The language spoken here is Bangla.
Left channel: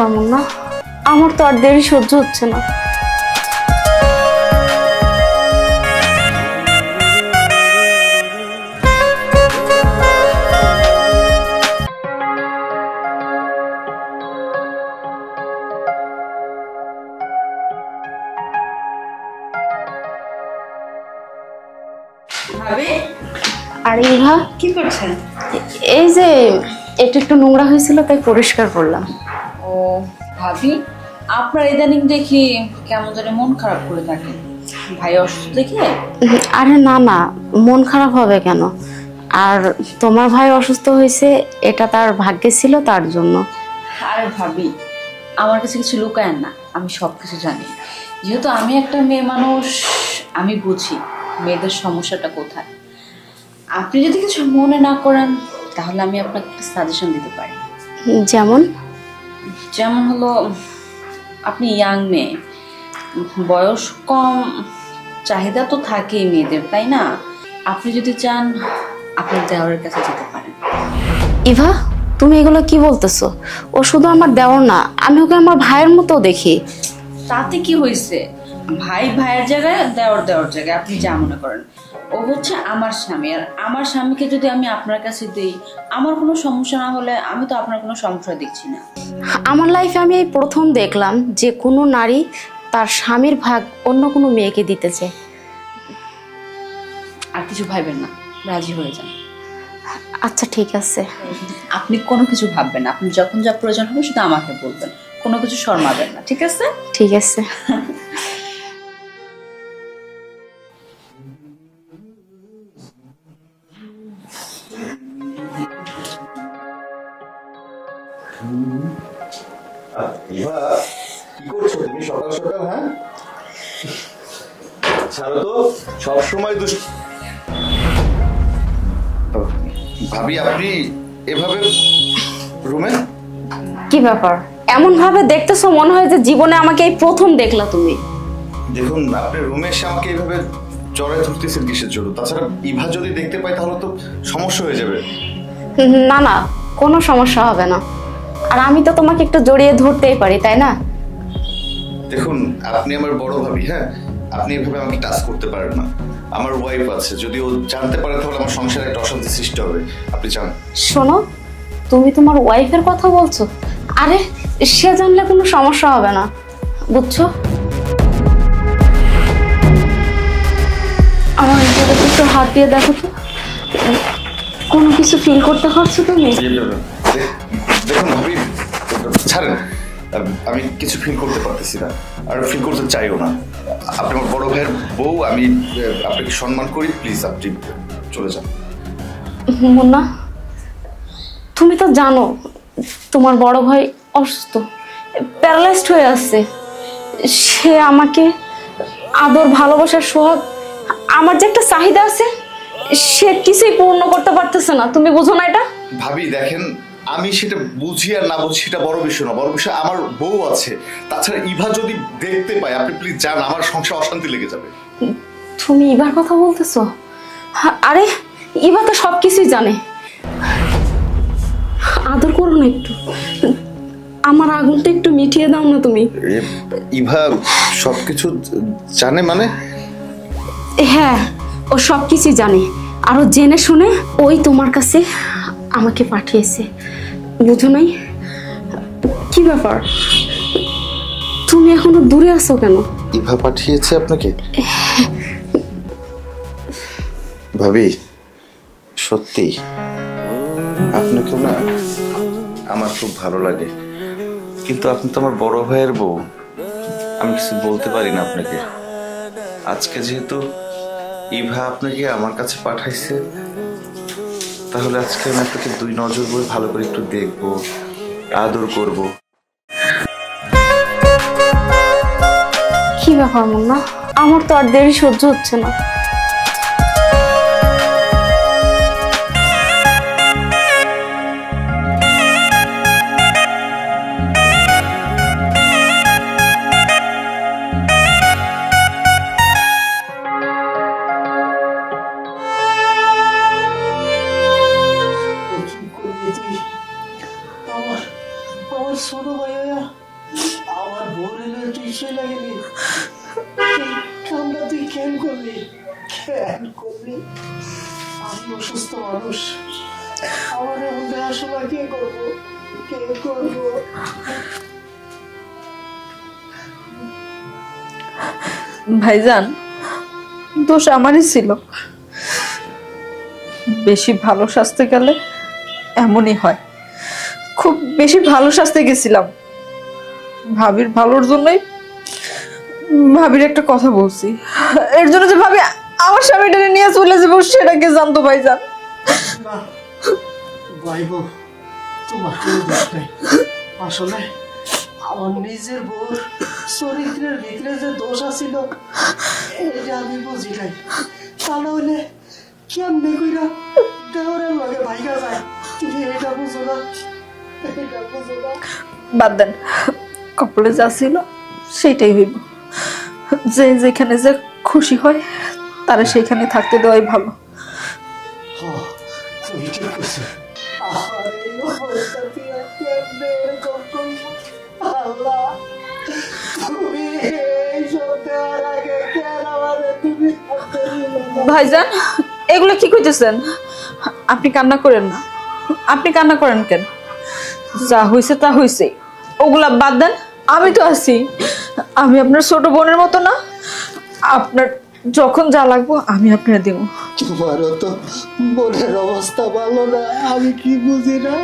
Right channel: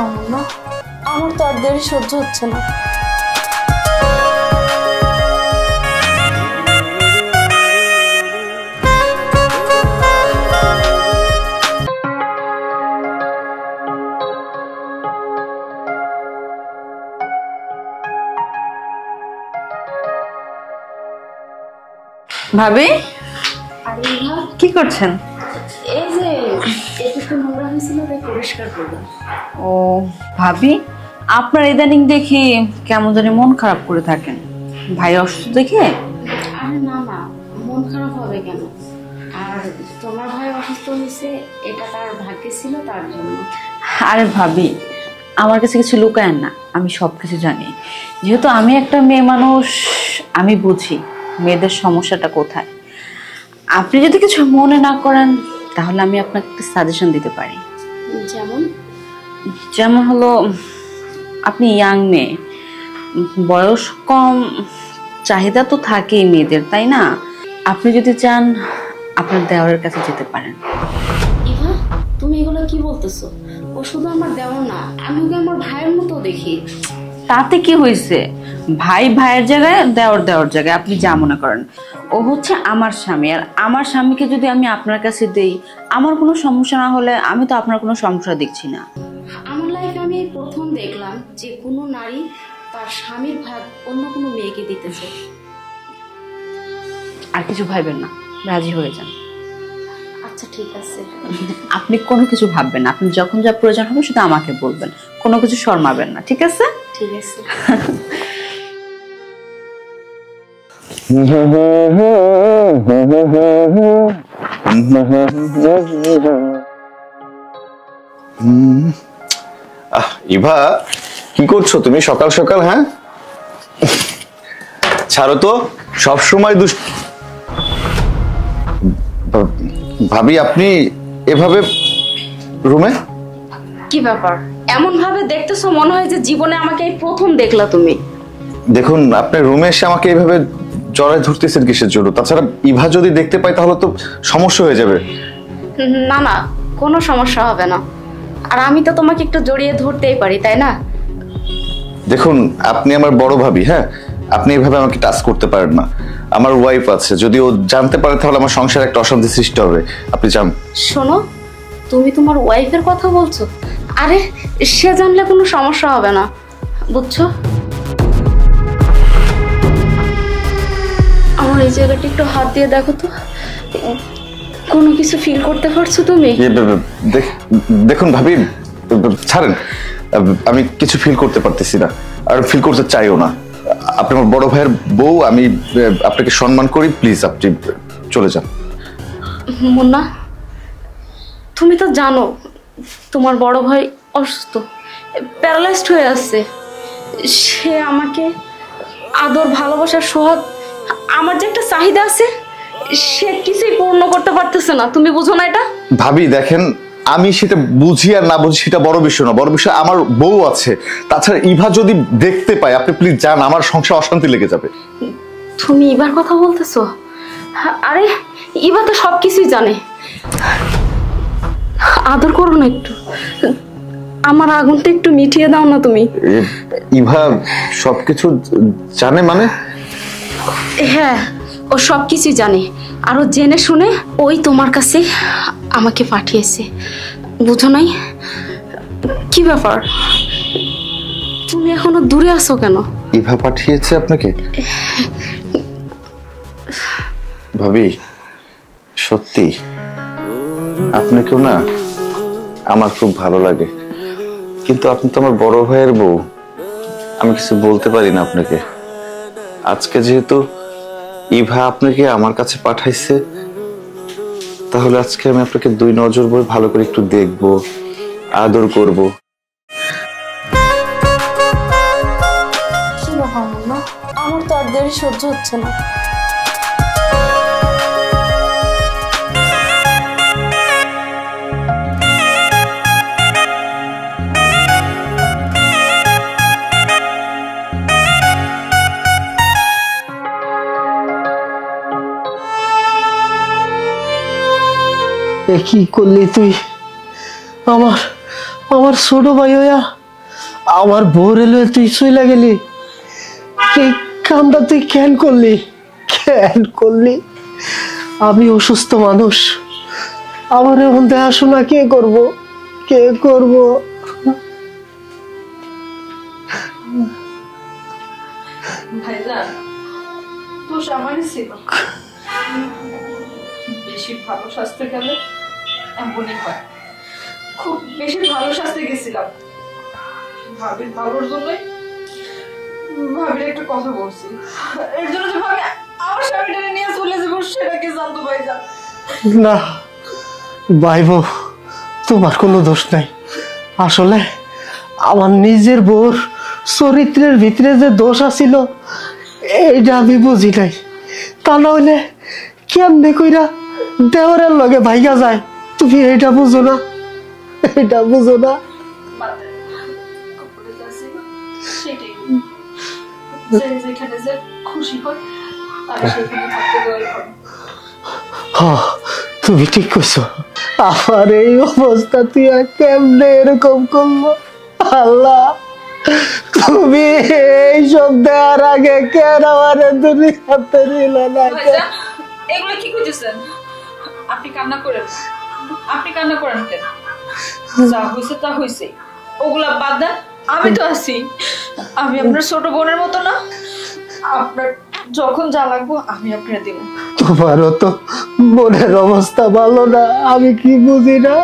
ব্যাপার মুন্না, আমার তো আর দেরি সহ্য হচ্ছে না। ভাবি, আরে ইভা, কি করছেন? এই যে একটু একটু নোংরা হয়েছিল তাই পরিষ্কার করলাম। ও ভাবি, আপনার ইদানিং দেখি কেমন জানি মন খারাপ করে থাকেন। ভাই অসুস্থ দেখে? আরে না না, মন খারাপ হবে কেন? আর তোমার ভাই অসুস্থ হয়েছে এটা তার ভাগ্যে ছিল, তার জন্য। আরে ভাবি, আমার কাছে কিছু লুকায়েন না, আমি সব কিছু জানি। যেহেতু আমি একটা মেয়ে মানুষ, আমি বুঝি মেয়েদের সমস্যাটা কোথায়। আপনি যদি কিছু মনে না করেন তাহলে আমি আপনাকে একটা সাজেশন দিতে পারি। যেমন? যেমন হলো, আপনি ইয়াং মেয়ে, বয়স কম, চাহিদা তো থাকেই মেয়েদের, তাই না? আপনি যদি চান আপনার দেওরের কাছে যেতে পারেন। ইভা, তুমি এগুলো কি বলতেছো? ও শুধু আমার দেওর না, আমি ওকে আমার ভাইয়ের মতো দেখি। তাতে কি হয়েছে? ভাই ভাইয়ের জায়গায়, দেওর দেওর জায়গায়, আপনি যা মনে করেন। ও হচ্ছে আমার স্বামী, আর আমার স্বামীকে যদি আমি আপনার কাছে দেই, আমার কোনো সমস্যা না হলে আমি তো আপনার কোনো সমস্যা দেখছি না। আমার লাইফে আমি এই প্রথম দেখলাম যে কোনো নারী তার স্বামীর ভাগ অন্য কোনো মেয়েকে দিতেছে। আর কিছু ভাববেন না, রাজি হয়ে যান। আচ্ছা ঠিক আছে। আপনি কোনো কিছু ভাববেন না, আপনি যখন যা প্রয়োজন হবে শুধু আমাকে বলবেন, কোনো কিছু শর্মাবেন না, ঠিক আছে? ঠিক আছে। ইভা, কি করছো তুমি সকাল সকাল? হ্যাঁ, ছাড়ো তো, সবসময় ভাবি আপনি এভাবে রুমে? কি ব্যাপার, এমন ভাবে দেখতেছো মনে হয় যে জীবনে আমাকে এই প্রথম দেখলা তুমি। দেখুন, আপনি রুমে এসে আমাকে এইভাবে জড়ায় ধরতেছেন কিসের জন্য? তাছাড়া ইভা যদি দেখতে পায় তাহলে তো সমস্যা হয়ে যাবে। না না, কোনো সমস্যা হবে না। আর আমি তো তোমাকে একটু জড়িয়ে ধরতেই পারি, তাই না? দেখুন, আপনি আমার বড় ভাবি, হ্যাঁ, আপনি এভাবে আমাকে টাচ করতে পারেন না। আমার ওয়াইফ আছে, যদি ও জানতে পারে তাহলে আমার সংসারে একটা অশান্তি সৃষ্টি হবে। আপনি যান। শোনো, তুমি তোমার ওয়াইফের কথা বলছো? আরে সে জানলে কোনো সমস্যা হবে না, বুঝছো? আমার এই জায়গাটা একটু হাত দিয়ে দেখো তো, কোনো কিছু ফিল করতে পারছো তুমি? দেখুন ভাবি, ছাড়েন, আমি কিছু ফিল করতে পারতেছি না, আর ফিল করতে চাইও না। আপনি আমার বড় ভাইয়ের বউ, আমি আপনাকে সম্মান করি, প্লিজ আপনি চলে যান। মুন্না, তুমি তো জানো তোমার বড় ভাই অসুস্থ, প্যারালাইজড হয়ে আছে। সে আমাকে আদর, ভালোবাসার, সোহাগ, আমার যে একটা চাহিদা আছে সে কিছুই পূর্ণ করতে পারতেছে না। তুমি বুঝো না এটা? ভাবি দেখেন, আমি সেটা বুঝি আর না বুঝি সেটা বড় বিষয় না, বড় বিষয় আমার বউ আছে। তাছাড়া ইভা যদি দেখতে পায়, আপনি প্লিজ যান, আমার সংসার অশান্তি লেগে যাবে। তুমি ইভার কথা বলতেছো? আরে ইভা তো সবকিছুই জানে। আদর করো না একটু, আমার আগুনটা একটু মিটিয়ে দাও না তুমি। ইভা সবকিছু জানে মানে? হ্যাঁ, ও সবকিছুই জানে, আর ও জেনে শুনে ওই তোমার কাছে আমাকে পাঠিয়েছে, বুঝো নাই? কি ব্যাপার, তুমি এখনো দূরে আছো কেন? ইভা পাঠিয়েছে আপনাকে? ভাবি সত্যি আপনাকে না আমার খুব ভালো লাগে, কিন্তু আপনি তো আমার বড় ভাইয়ের বউ, আমি কিছু বলতে পারি না আপনাকে। আজকে যেহেতু ইভা আপনাকে আমার কাছে পাঠাইছে, তাহলে আজকে আমি আপনাকে দুই নজর ভরে ভালো করে একটু দেখবো, আদর করব। কি ব্যাপার মুন্না, আমার তো আর দেরি সহ্য হচ্ছে না। কি করলি তুই? আমার আমার ছোট ভাই হইয়া আমার বউ রেলে তুই চইলা গেলি, এই কামটা তুই কেন করলি? কেন করলি? আমি অসুস্থ মানুষ, আমার এখন দেখাশোনা কে করব? কে করব? ভাইজান, দোষ আমারই ছিল। বেশি ভালো স্বাস্থ্যে গেলে এমনই হয়। খুব বেশি ভালো স্বাস্থ্যে গেছিলাম, ভাবির ভালোর জন্যই ভাবির একটা কথা বলছি। এর জন্য যে ভাবি আমার স্বামীটা নিয়ে চলে যাবো সেটাকে জানতো ভাইজান। না ভাই বউ, তোমার কোনো দোষ নাই। আসলে আমার নিজের বউর চরিত্রের ভিতরে যে দোষ আছিল এইটা আমি বুঝি নাই। তা না হইলে কেমনে কইরা দেওয়ারের লগে ভাইগা যায়, তুমি এইটা বুঝো না? এটা বুঝো না? বাদ দেন, কপালে যা ছিল সেটাই হইব। যে যেখানে যে খুশি হয় তারা সেখানে থাকতে দেওয়াই ভালো। হ্যাঁ, তুমি ঠিক কইছো। আমার এই অবস্থা তুই আর কেমনে এরকম করলো? আল্লাহ, তুমি এইসব দেওয়ার আগে কেন আমার দুনিয়াতে নিলে না? ভাইজান, এগুলো কি কইতেছেন? আপনি কান্না করেন না। আপনি কান্না করেন কেন? যা হইছে তা হইছে, ওগুলা বাদ দেন। আমি তো আছি, আমি আপনার ছোট বোনের মতো না? আপনার যখন যা লাগবো আমি আপনার দেব। তোমারও তো মনের অবস্থা ভালো না, আমি কি বুঝি না?